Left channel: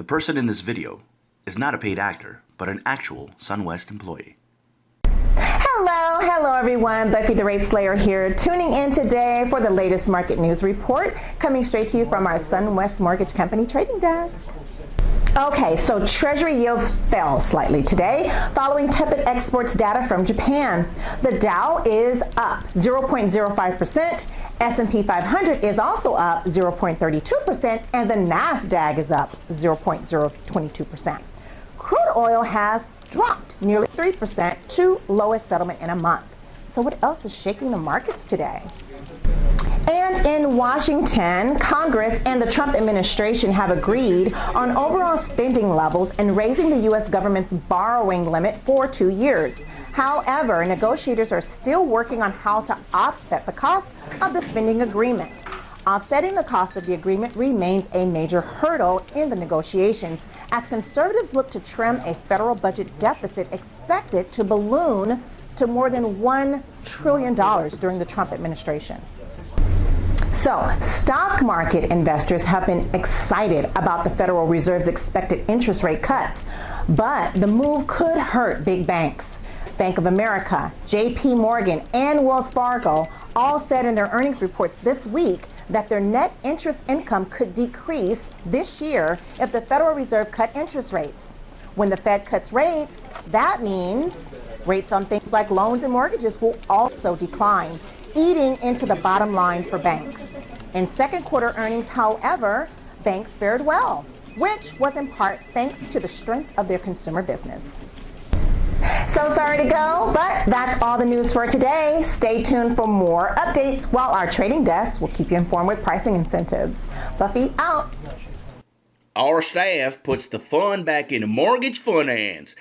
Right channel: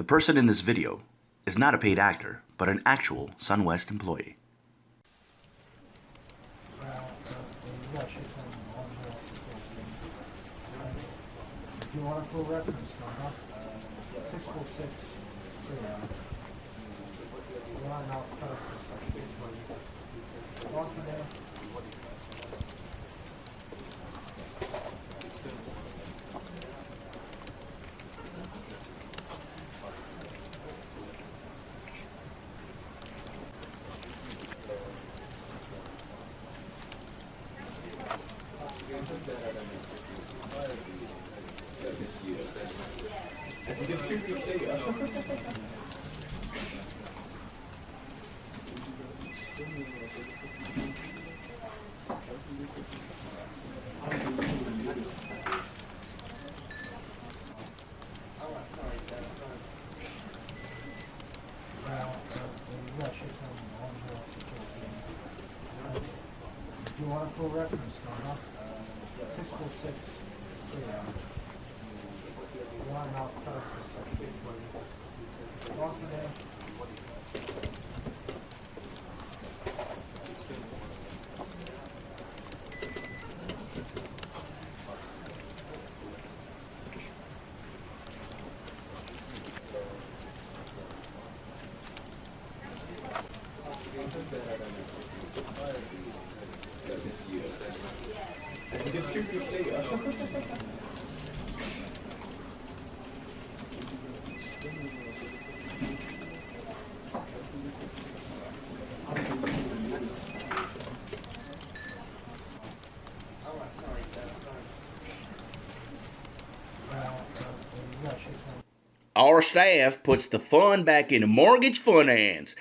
The person in this video is not a paid actor, but an actual SunWest employee. Hello everyone, Buffy the Rate Slayer here, tuning in today for the latest market news report, coming straight to you from our SunWest Mortgage Company trading desk. Okay, so Treasury yields fell slightly today following tepid exports data from Japan. The Dow is up 0.05%, S&P 500 is also up 0.32%, and the NASDAQ is up 0.022%. Crude oil has dropped nearly 3% to lowest settlement in a month. So what else is shaking the markets today? And in Washington, Congress and the Trump administration have agreed on overall spending levels and raising the U.S. government's borrowing limit for 2 years. However, negotiators are still working on how to offset the cost of the spending agreement. Offsetting the cost of the agreement remains a major hurdle in the negotiations as conservatives look to trim a federal budget deficit expected to balloon to more than $1 trillion during the Trump administration. So, stock market investors have been excited about the Federal Reserve's expected interest rate cuts, but the move could hurt big banks. Bank of America, JP Morgan, and Wells Fargo all said in their earnings reports this week that their net interest income could decrease this year if the Federal Reserve cut interest rates. When the Fed cuts rates, that means rates on things like loans and mortgages will also decline, eating into the bottom line for banks. In second quarter earnings, however, banks fared well, which was in part thanks to the strength of their consumer business. So sorry to go, but that's all the news for today. Stay tuned for more updates while our trading desk will keep you informed with pricing incentives. Buffy out. Our staff puts the fun back in mortgage finance.